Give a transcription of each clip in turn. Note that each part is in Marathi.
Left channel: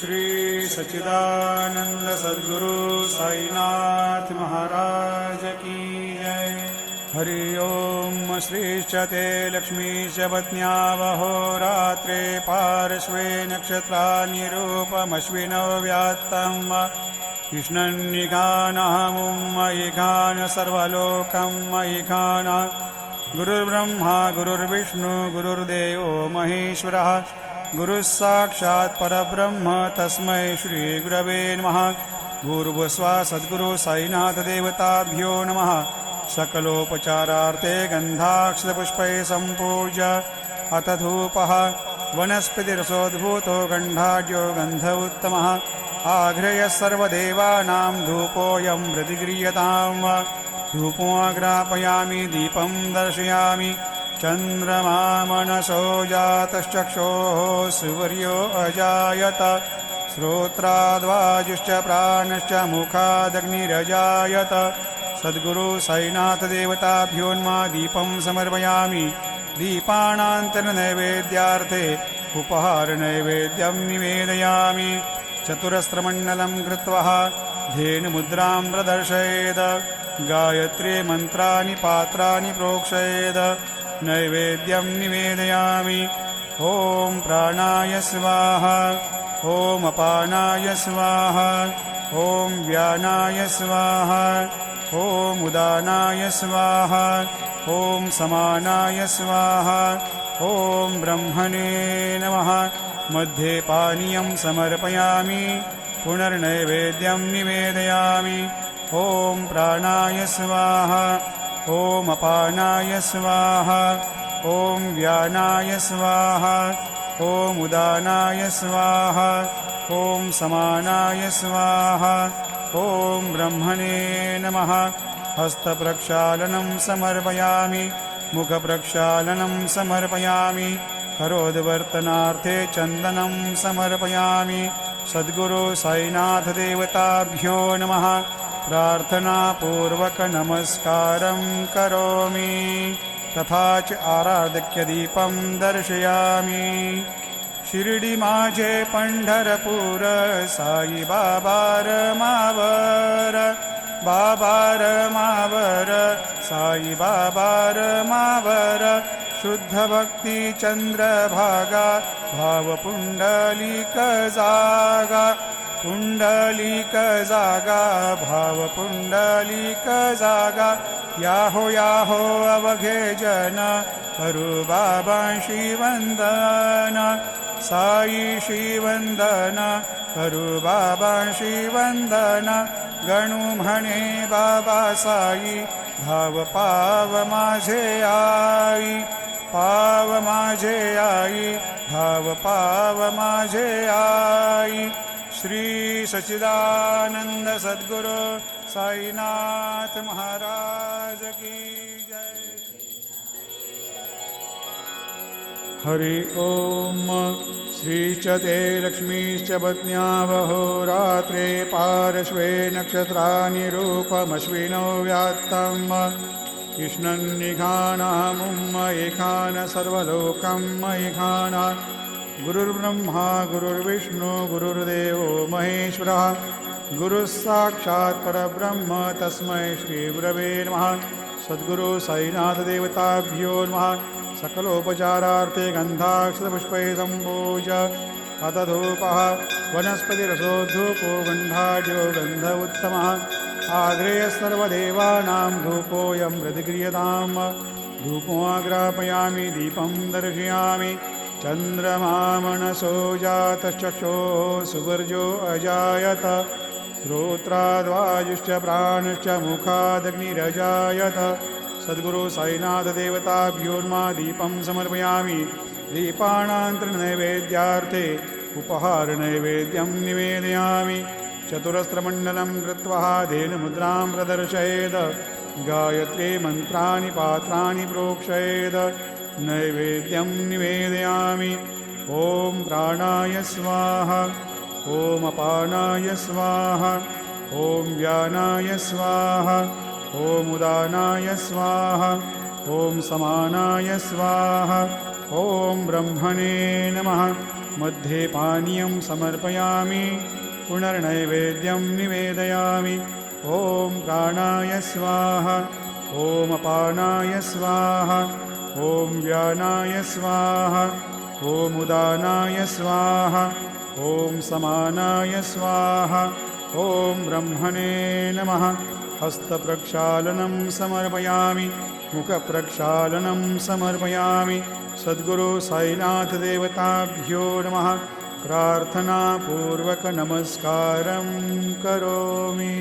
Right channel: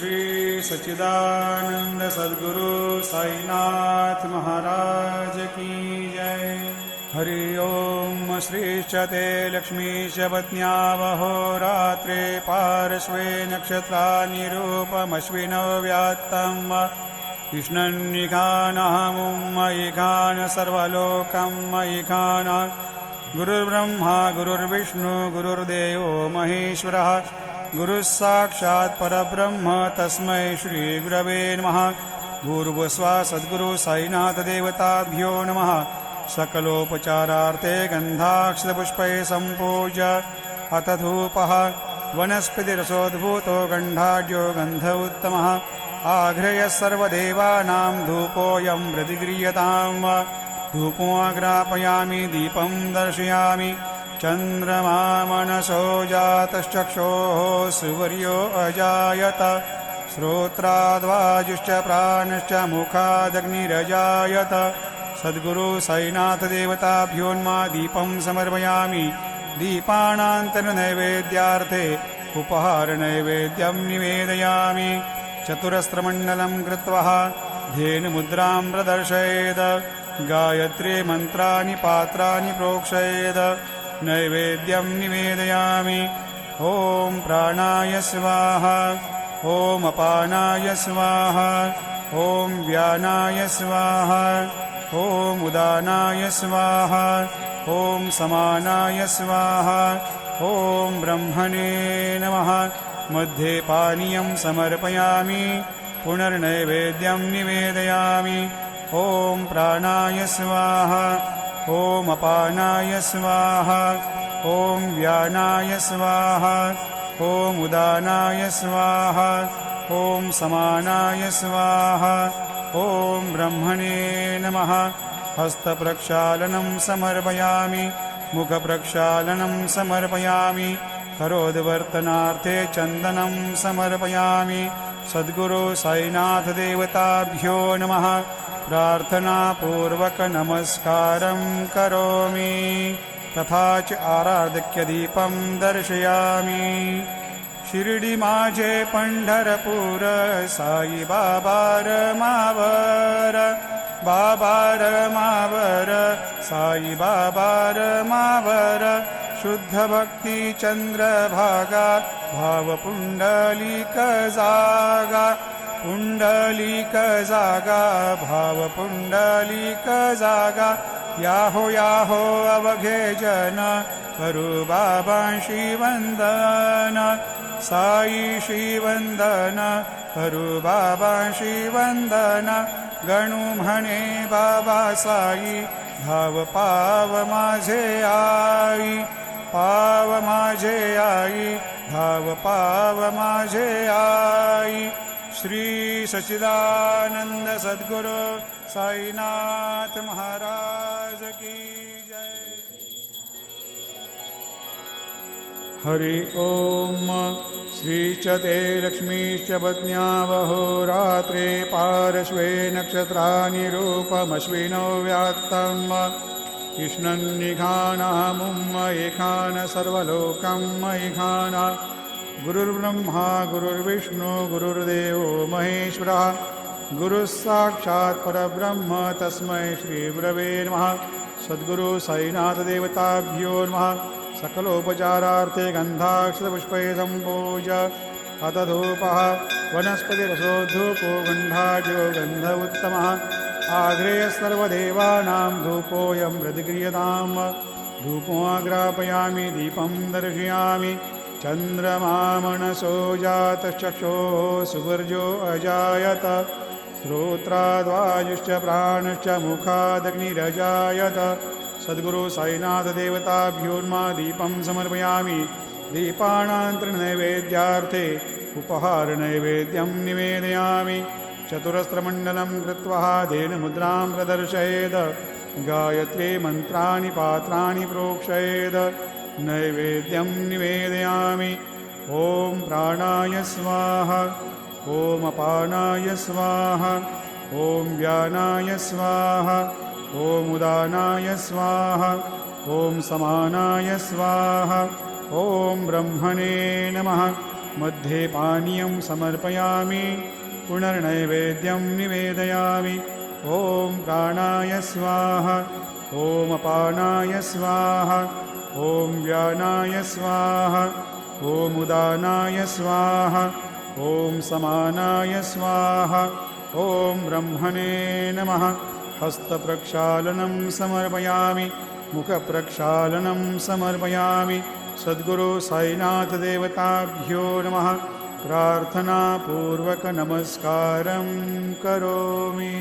श्री सच्चिदानंद सद्गुरु साईनाथ महाराज की जय। हरि ओम। श्रीश्च ते लक्ष्मीश पत्न्यावहोरात्रे पार्श्वे नक्षत्राणि रूपमश्विनौ व्यात्तम् कृष्णन्निघानहमुं मयिघान सर्वलोकं मयिघान। गुरुर्ब्रह्मा गुरुर्विष्णु गुरुर्देवो महेश्वरः गुरुः साक्षात् परब्रह्म तस्मै श्री गुरवे नमः। भूर्भुवस्सुः सद्गुरु साईनाथ देवताभ्यो नमः। सकलोपचारार्थे गन्धाक्षतपुष्पैः सम्पूज्य अथ धूपः वनस्पतिरसोद्भूतो गन्धाढ्यो गन्ध उत्तमः। आघ्रयः सर्वदेवानां धूपोऽयं प्रतिगृह्यताम्। धूपोऽग्रापयामि दीपं दर्शयामि। चन्द्रमा मनसो जातश्चक्षोः सुवर्यो अजायत। श्रोत्राद्वाजुश्च प्राणश्च मुखादग्निरजायत। सद्गुरु साईनाथ देवताभ्योन्मा दीपं समर्पयामि। दीपानान्तरनैवेद्यार्थे उपहारनैवेद्यं निवेदयामि। चतुरस्रमण्डलं कृत्वा धेनुमुद्रां प्रदर्शयेत्। गायत्री मन्त्राणि पात्राणि प्रोक्षयेत्। नैवेद्यं निवेदयामि। ॐ प्राणाय स्वाहा ॐ अपानाय स्वाहा ॐ व्यानाय स्वाहा ॐ उदानाय स्वाहा ॐ समानाय स्वाहा ॐ ब्रह्मणे नमः। मध्ये पानीयं समर्पयामि। पुनर्नैवेद्यं निवेदयामि। ॐ प्राणाय स्वाहा ॐ अपानाय स्वाहा ॐ व्यानाय स्वाहा ॐ उदानाय स्वाहा ॐ समानाय स्वाहा ॐ ब्रह्मणे नमः। हस्तप्रक्षालनं समर्पयामि। मुखप्रक्षालनं समर्पयामि। करोद्वर्तनार्थे चन्दनं समर्पयामि। सद्गुरु साईनाथ देवताभ्यो नमः। प्रार्थनापूर्वक नमस्कारं करोमि। तथा च आराधक्यदीपं दर्शयामि। शिर्डी माझे पंढरपूर साई बाबा रमावर। बाबा रमावर साई बाबा रमावर। शुद्ध भक्ती चंद्रभागा भाव पुंडलिक जागा। पुंडलिक जागा भाव पुंडलिक जागा। याहो याहो अवघे जन करू बाबांशी वंदन। साई श्रीवंदन करू बाबांशी वंदन। गणू म्हणे बाबा साई भाव पाव माझे आई। पाव माझे आई भाव पाव माझे आई। श्री सच्चिदानंद सद्गुरु साईनाथ महाराज की जय। हरि ओम। श्रीश्च ते लक्ष्मीश्च पत्न्यावहोरात्रे पार्श्वे नक्षत्राणि रूपमश्विनौ व्यात्तम् कृष्णन्निघानहमुं मयिघान सर्वलोकं मयिघान। गुरुर्ब्रह्मा गुरुर्विष्णु गुरुर्देवो महेश्वरः गुरुः साक्षात् परब्रह्म तस्मै श्री गुरवे नमः। सद्गुरु साईनाथ देवताभ्यो नमः। सकलोपचारार्थे गन्धाक्षतपुष्पैः सम्पूज्य अथ धूपः वनस्पतिरसोद्धूपो गन्धाढ्यो गन्ध उत्तमः। आघ्रेयः सर्वदेवानां धूपोऽयं प्रतिगृह्यताम्। धूपोऽग्रापयामि दीपं दर्शयामि। चन्द्रमा मनसो जातश्चक्षोः सुवर्यो अजायत। श्रोत्राद्वाजुश्च प्राणश्च मुखादग्निरजायत। सद्गुरु साईनाथ देवताभ्योन्मा दीपं समर्पयामि। दीपानान्तरनैवेद्यार्थे उपहारनैवेद्यं निवेदयामि। चतुरस्रमण्डलं कृत्वा धेनुमुद्रां प्रदर्शयेत्। गायत्री मन्त्राणि पात्राणि प्रोक्षयेत्। नैवेद्यं निवेदयामि। ॐ प्राणाय स्वाहा ॐ अपानाय स्वाहा ॐ व्यानाय स्वाहा ॐ उदानाय स्वाहा ॐ समानाय स्वाहा ॐ ब्रह्मणे नमः। मध्ये पानीयं समर्पयामि पुनर्नैवेद्यं निवेदयामि। ॐ प्राणाय स्वाहा ॐ अपानाय स्वाहा ॐ व्यानाय स्वाहा ॐ उदानाय स्वाहा ॐ समानाय स्वाहा ॐ ब्रह्मणे नमः। हस्तप्रक्षालनं समर्पयामि मुखप्रक्षालनं समर्पयामि। सद्गुरु साईनाथ देवताभ्यो नमः। प्रार्थनापूर्वकनमस्कारं करोमि।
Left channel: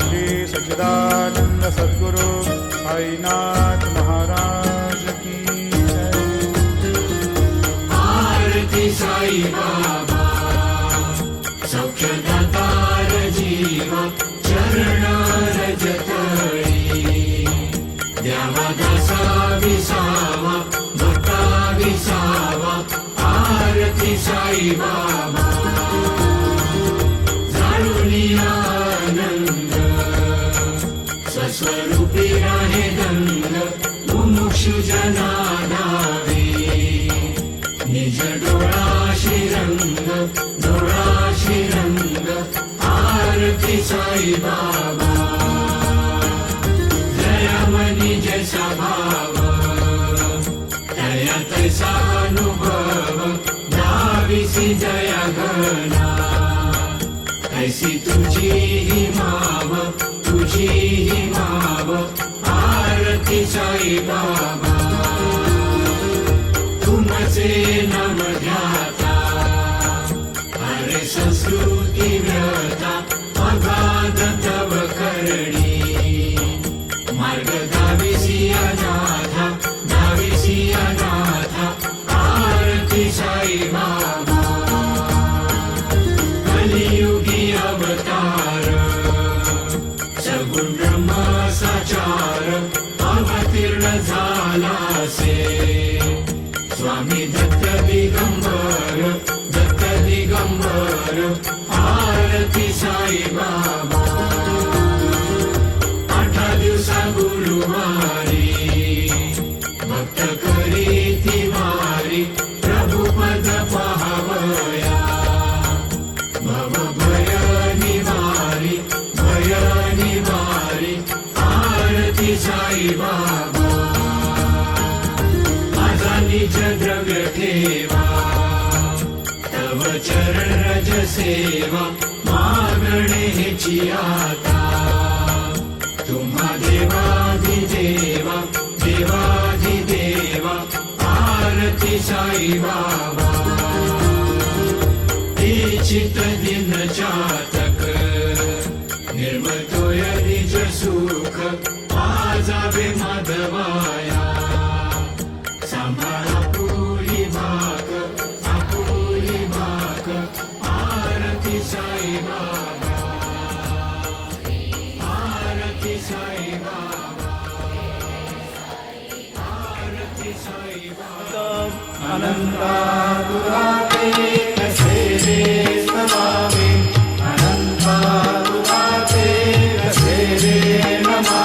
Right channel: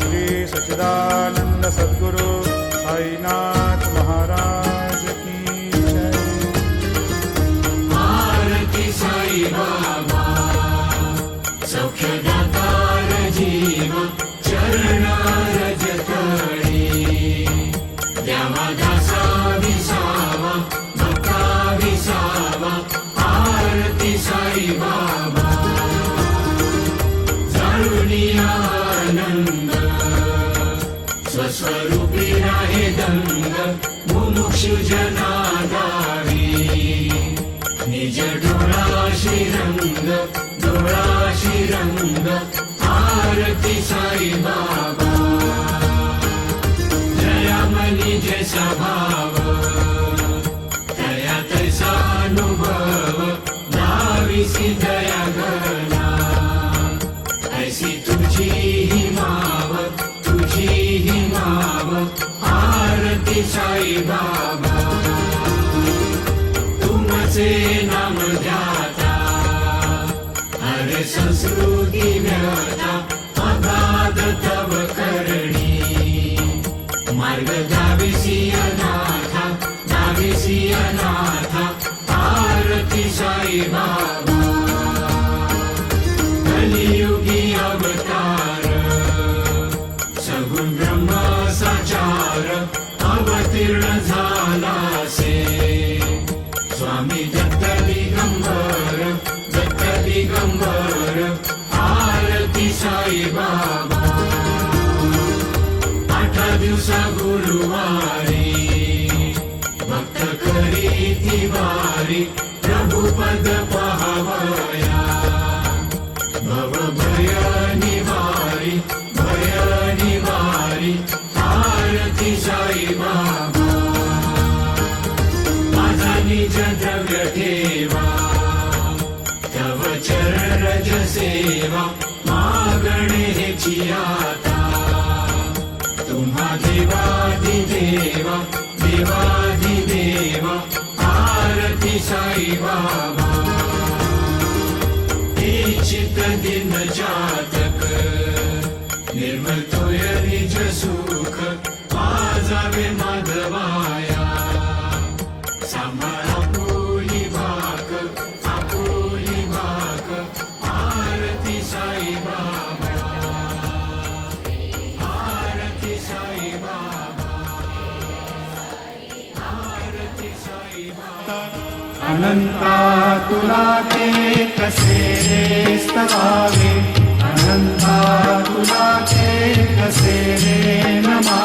श्री सच्चिदानंद सद्गुरु साईनाथ महाराज की जय। आरती साई बाबा सक्षदातार जीव चरणारज करी द्यावा दासा विसावा भक्ता विसावा। आरती साई बाबा जाणूनी आनंद स्वस्वरूपी राहे दंड मुमुक्षु जनाधारी निज डोळा श्रीरंग डोळा श्रीरंग। आरती साई बाबा दयामनी जैसा भाव दया तैसा अनुभव भाविसी दया करना ऐसी तुझी ही माव तुझी ही माव। आरती साई बाबा तुमचे नाम ध्याता हरे संस्कृती ज्ञाता अगाध तव करणी मार्ग दाविसी अनाथा दाविसी अनाथा। आरती साई बाबा कलियुगी अवतार सगुण ब्रह्म साचार अवतीर्ण झालासे स्वामी दत्त दिगंबर दत्त दिगंबर। आरती साई बाबा आता दिवसा गुरुवारी भक्त खरी दिवारी प्रभुपद पाहावया भव भय निवारी भय निवारी। आरती साई बाबा माझा निज द्रव्य ठेवा तव चरणरज सेवा मागणे हेची आता तुम्हा देवादिदेवा देवादिदेवा। आरती साई बाबा हे चित्र दिन जातक निर्मल तोय निज सुख आजावे माधवाया सांभाळा आपुली भाग आपुली भाग। आरती साई बाबा आरती साई बाबा आरती साई बाबा। अनंतातुराते कसे रे स्तवावे अनंतातुराते कसे रे नमा